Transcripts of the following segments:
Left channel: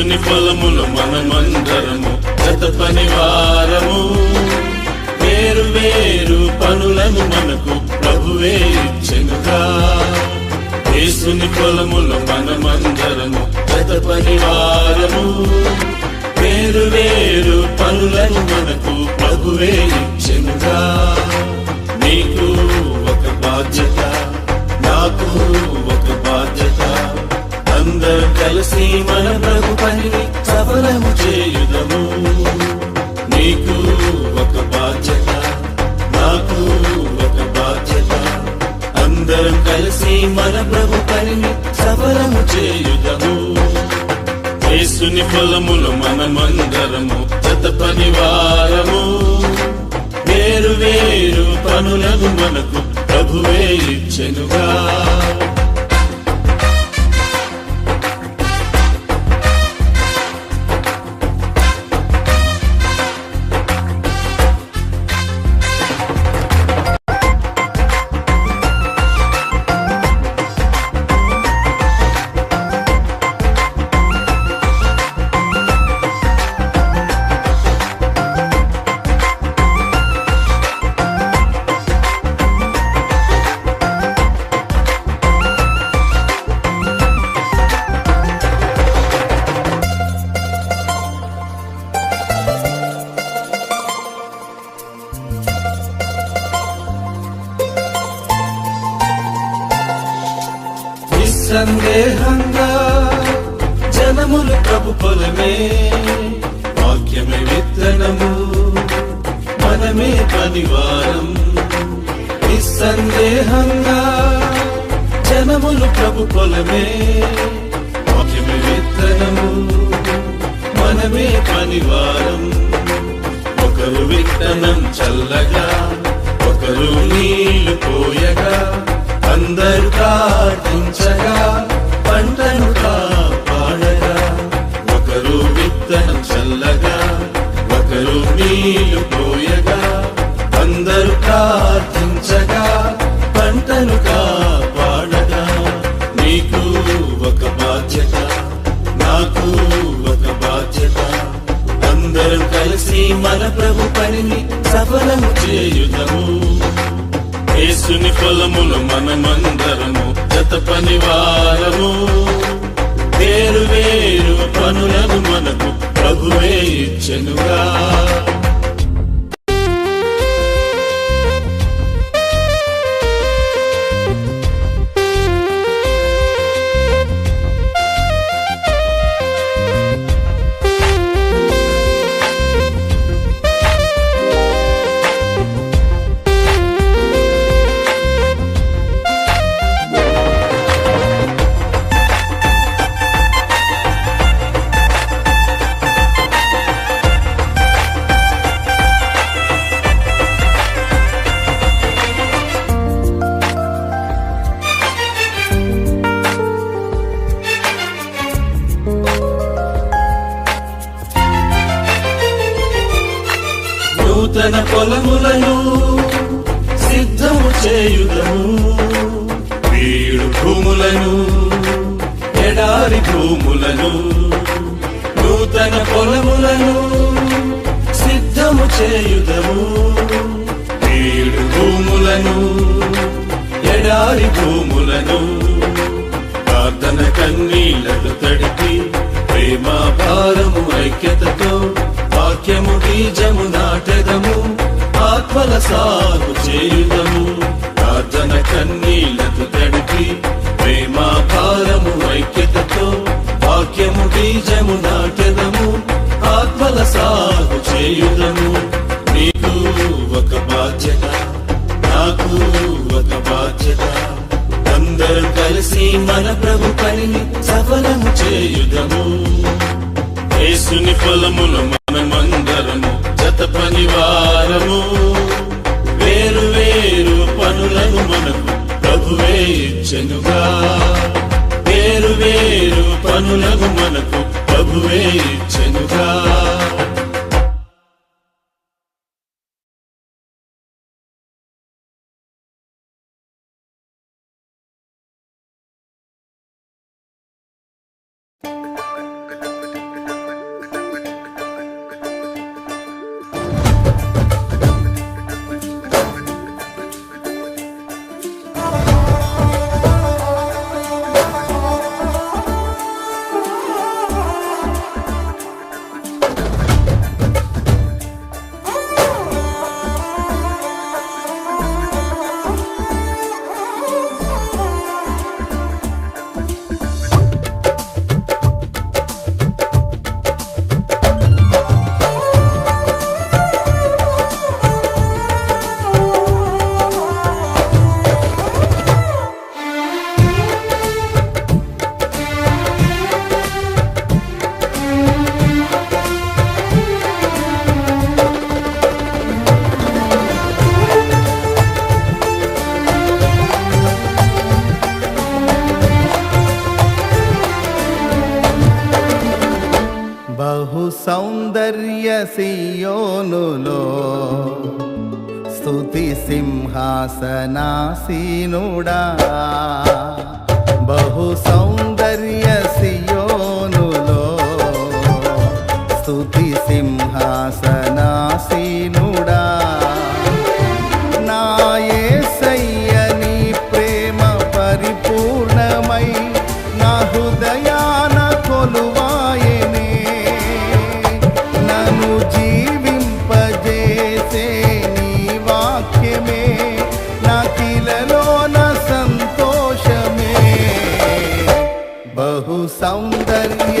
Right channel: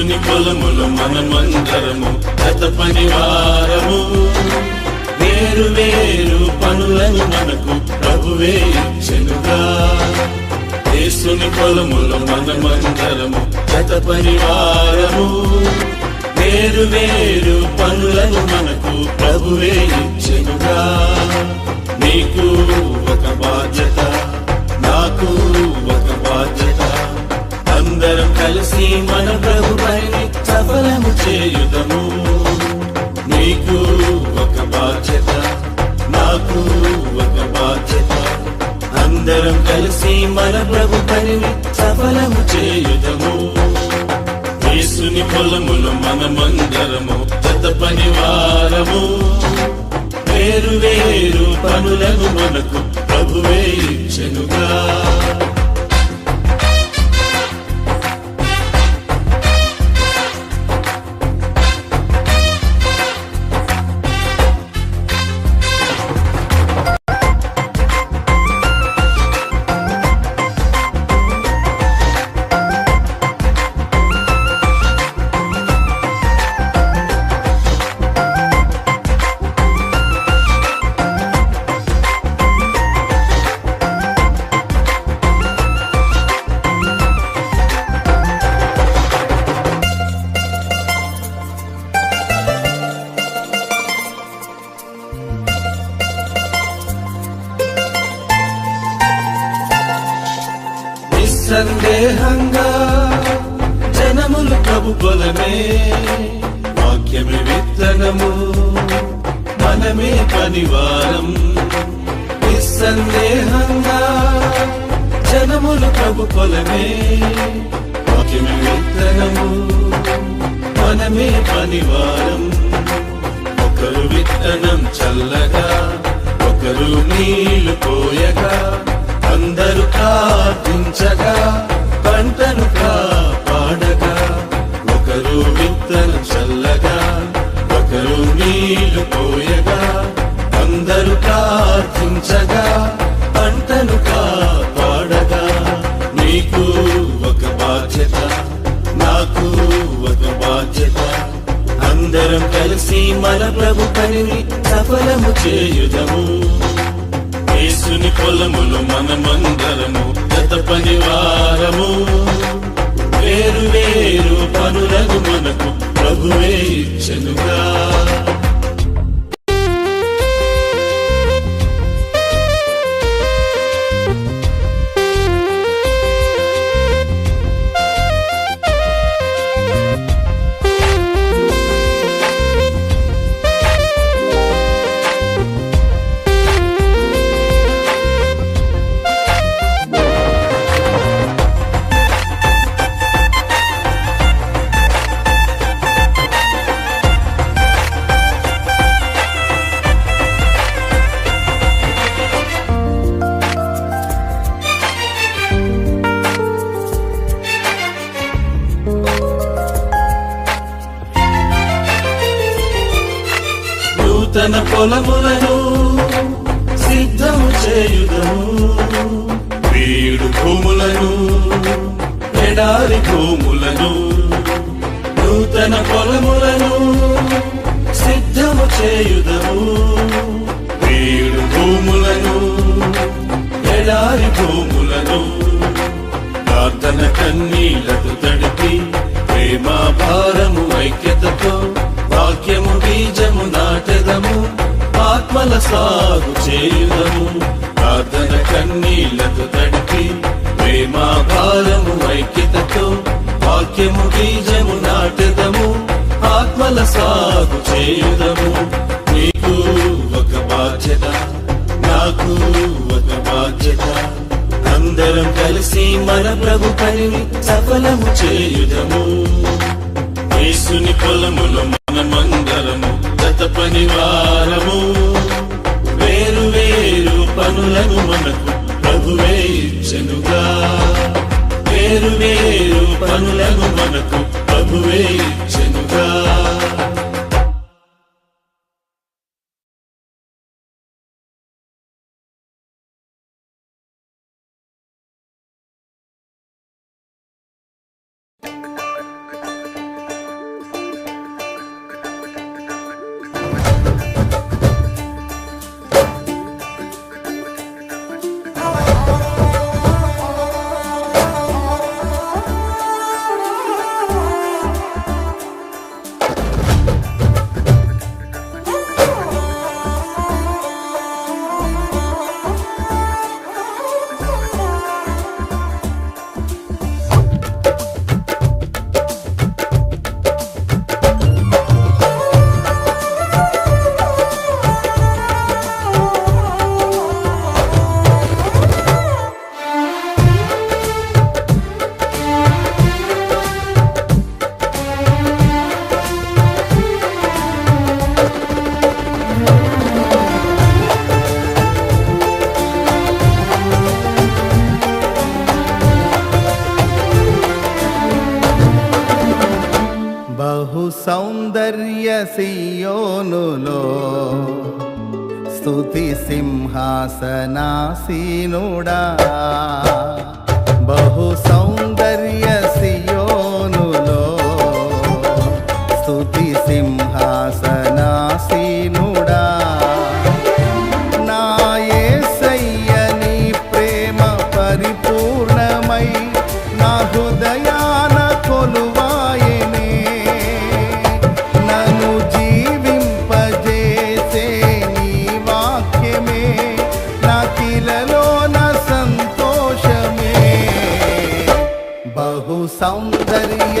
పొలములు మనమందరము గత పనివారము. వేరు వేరు పనులను మనకు ప్రభువే ఇచ్చెనుగా. యేసుని పొలములు మనమందరము గత పనివారము. వేరు వేరు పనులను మనకు ప్రభువే ఇచ్చెనుగా. నీకు ఒక బాధ్యత నాకు అందరం కలిసి మన ప్రభు పనిని సఫలము చేయుదము. నీకు ఒక బాధ్యత నాకు ఒక బాధ్యత. అందరం కలిసి మన ప్రభు పనిని సఫలము చేయుదము. యేసుని పొలములు మనమందరము జత పనివారము. వేరు వేరు పనులను మనకు ప్రభువే ఇచ్చెనుగా. నిస్సందేహంగా జనములు ప్రభు పొలమే వాక్యమే విత్తనము మనమే పనివారం. నిస్సందేహంగా జనములు ప్రభు పొలమే వాక్యమే విత్తనము మనమే పనివారం. ఒకరు విత్తనం చల్లగా ఒకరు నీళ్ళు పోయగా అందరూ ప్రార్థించగా పంటను కాపాడగా ఒకరు విత్తనం చల్లగా ఒకరు నీళ్ళు పోయగా అందరూ ప్రార్థించగా పంటను కాపాడగా. నీకు ఒక బాధ్యత నాకు ఒక బాధ్యత. అందరం కలిసి మన ప్రభు పనిని సఫలము చేయుదము. యేసుని మనమందరము గత పనివారము. వేరు వేరు పనులకు మనకు ప్రభువే ఇచ్చనుగా. పొలములను సిద్ధము చేయుదము. వీడు భూములను ఎడారి భూములను నూతన పొలములను సిద్ధము చేయుదము. వీడు భూములను ఎడారి భూములను ప్రార్థన కన్నీళ్ళతో తడిపి చేయుదము. ప్రార్థన కన్నీళ్ళకు తడిపి ప్రేమాభారము ఐక్యతతో వాక్యము బీజము నాటెదము. ఆత్మల సాగు చేయుదము. నీకు ఒక బాధ్యత నాకు ఒక బాధ్యత. అందరం కలిసి మన ప్రభు పనిని సఫలము చేయుదము. యేసుని పొలములు మనమందరము పనులను సియోనులో స్థుతి సింహాసనాసీనుడా. బహు సౌందర్య సియోనులో స్థుతి సింహాసనాసీనుడా. నా యేసయ్య నీ ప్రేమ పరిపూర్ణమై నా హృదయ బహు సౌందర్య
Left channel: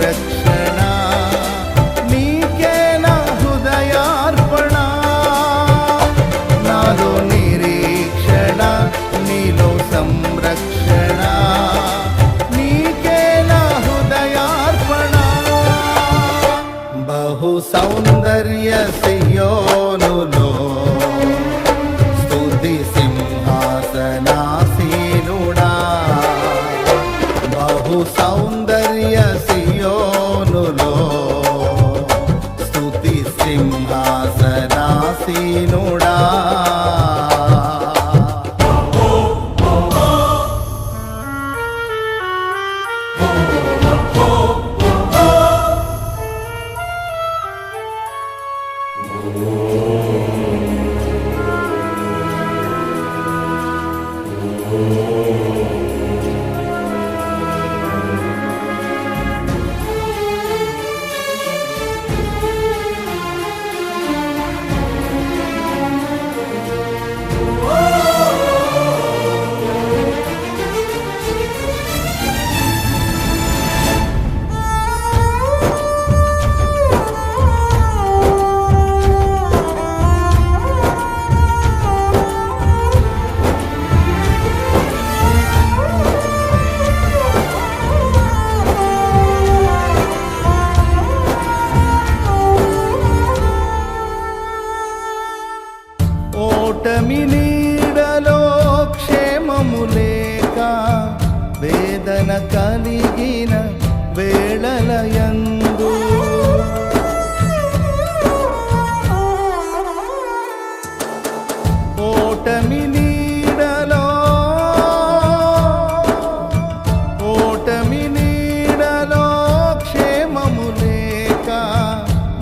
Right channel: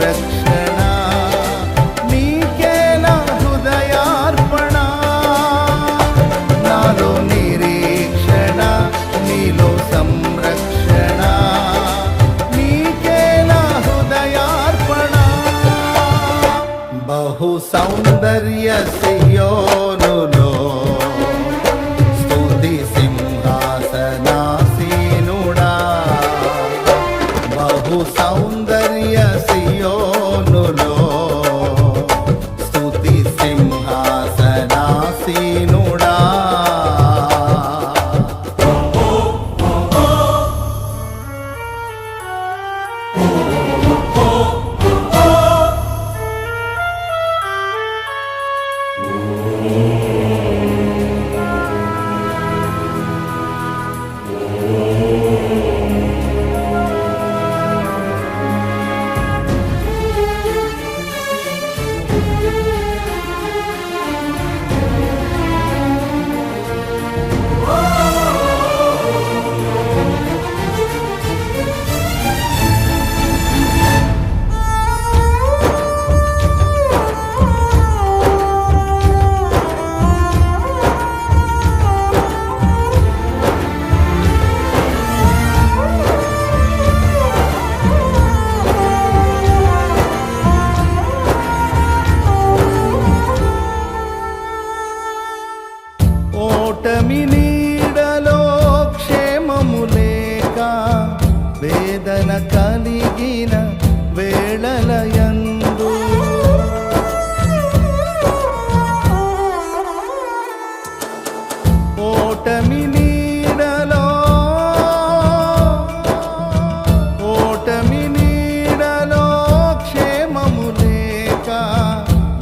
రక్షణ నీకే హృదయార్పణ నాలో నిరీక్షణ నీలో సంరక్షణ నీకే హృదయార్పణ బహు సౌందర్య సియోనులో స్థుతి సింహాసనాసీనుడా బహు సౌందర్య సియోనులో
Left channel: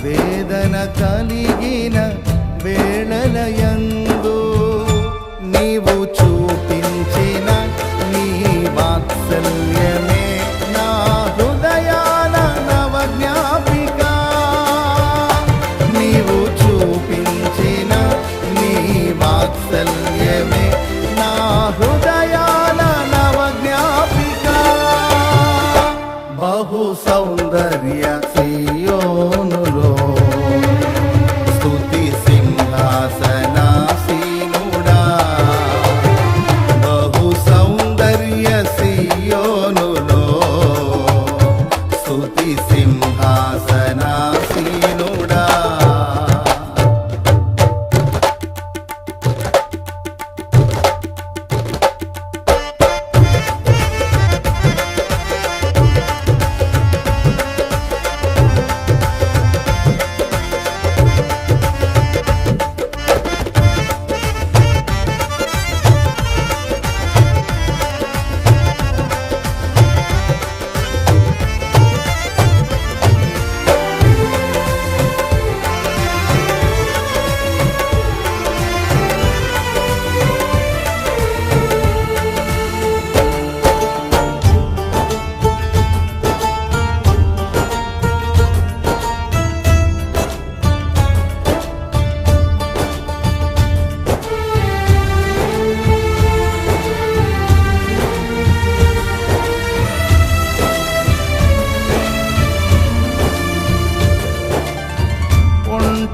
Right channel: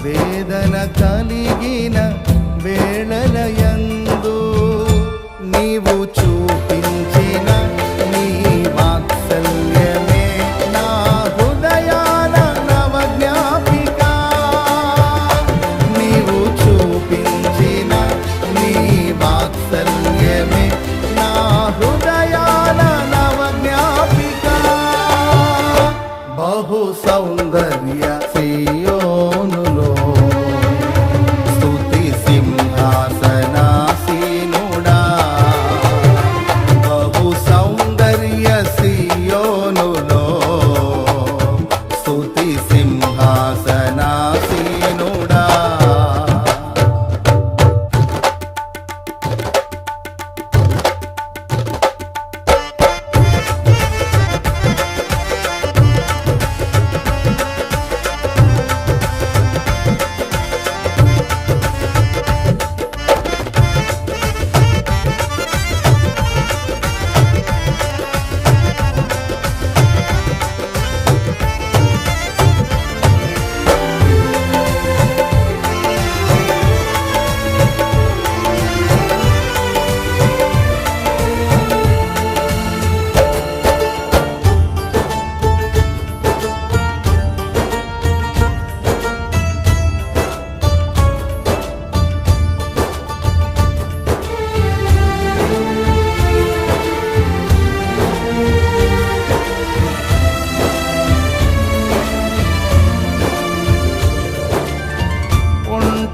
వేదన కలిగిన వేళలయందు నీవు చూపించిన నీ వాత్సల్యమే నా హృదయాల నవజ్ఞాపిక. నీవు చూపించిన నీ వాత్సల్యమే నా హృదయాల నవజ్ఞాపిక. బహు సౌందర్య శ్రీ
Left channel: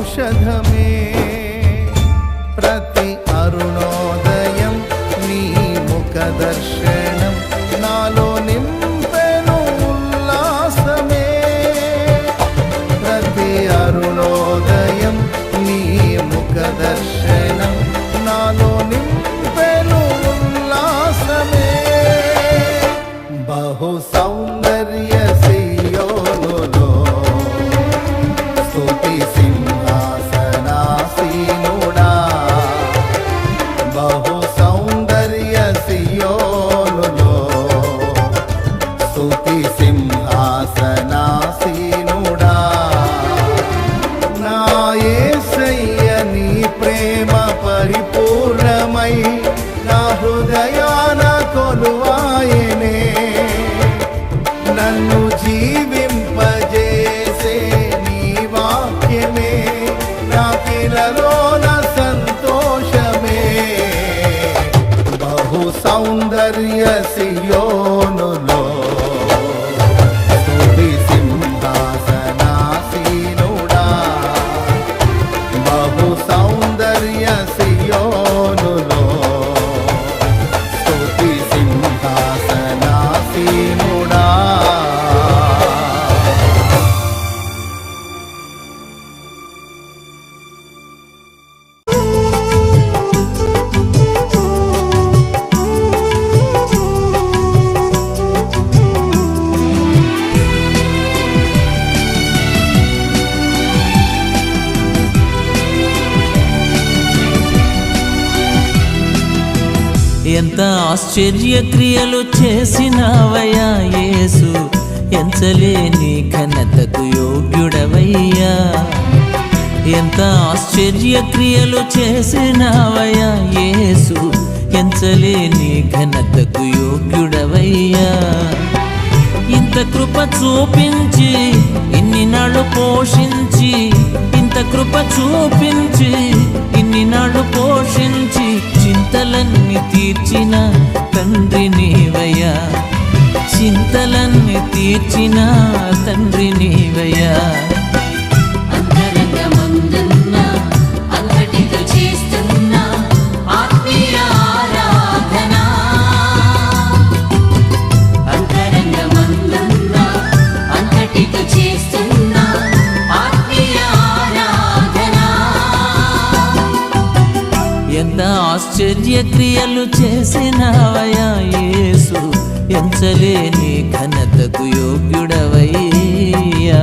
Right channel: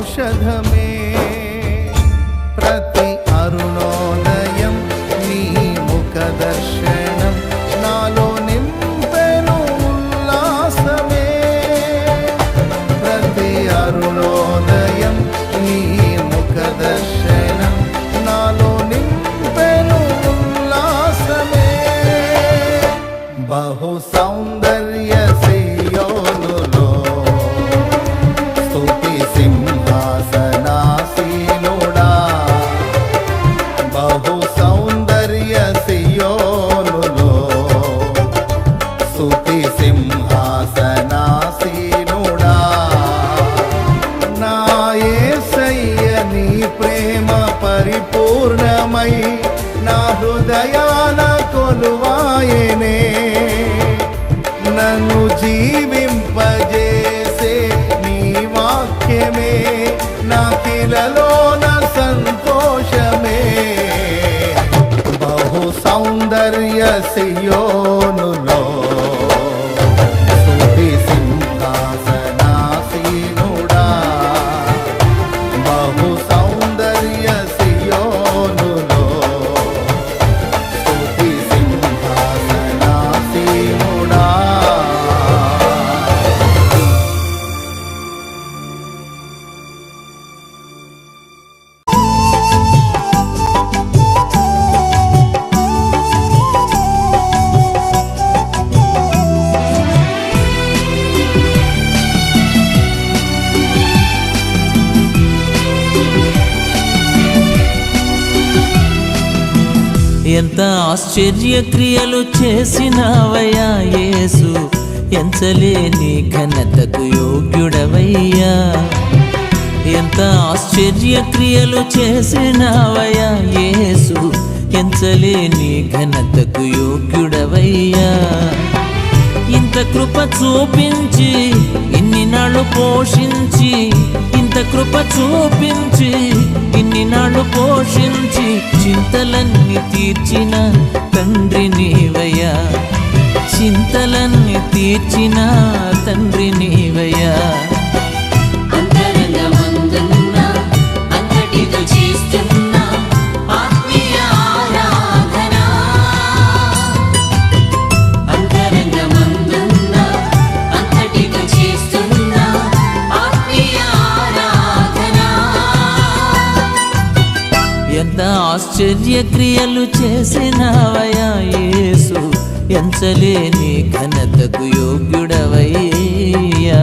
ఔషధమే. ప్రతి అరుణోదయం నీ ముఖ దర్శనం నాలో నింపెను ఉల్లాసమే. ప్రతి అరుణోదయం నీ ముఖ దర్శనం నాలో బహు సౌందర్య సియోనులో సుతి సింహాసనాసీనుడా. నా యేసయ్య నీ ప్రేమ పరిపూర్ణమై నా హృదయాన కొలువాయనే. నన్ను జీవింపజేసే నీ వాక్యమే నా పిలలో నా సౌందర్య సియోనులో. ఎంత ఆశ్చర్య క్రియలు చేసినావయ్యా యేసు? ఎంచలేని ఘనతకు యోగ్యుడవయ్యా. ఎంత ఆశ్చర్య క్రియలు చేసినావయ్యా యేసు? ఎంచలేని ఘనతకు యోగ్యుడవయ్యా. ఇంత కృప చూపించి ఇన్ని నాళ్ళు పోషించి ఇంత కృప చూపించి ఇన్ని నాళ్ళు పోషించి చింతలన్నీ తీర్చిన తండ్రి నీవయ్యా. చింతలన్నీ తీర్చిన తండ్రి నీవయ్యా. ఎంత ఆశ్చర్య క్రియలు చేసినావయ్యా యేసు ఎంచలేని ఘనతకు యోగ్యుడవయ్యా.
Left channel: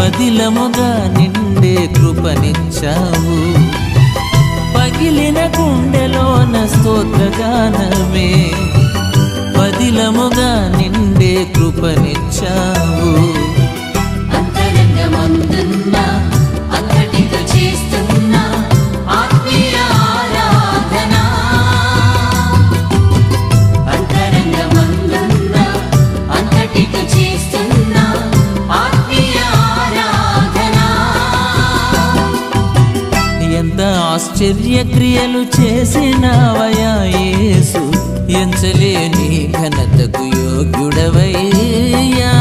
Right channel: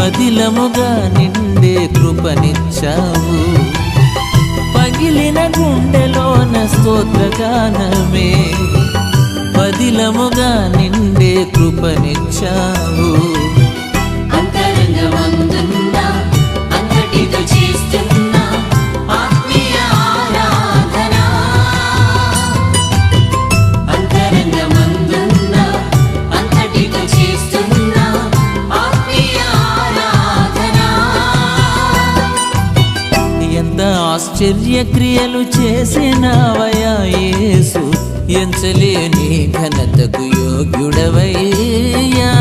పదిలముగా నిండే కృపనిచ్చావు. పగిలిన గుండెలోన స్తోత్రగానమే. పదిలముగా నిండే కృపనిచ్చావు. ఆశ్చర్యక్రియలు చేసినవయా యేసు. ఎంచలేని ఘనతకు యోగ్యుడవయ్యా.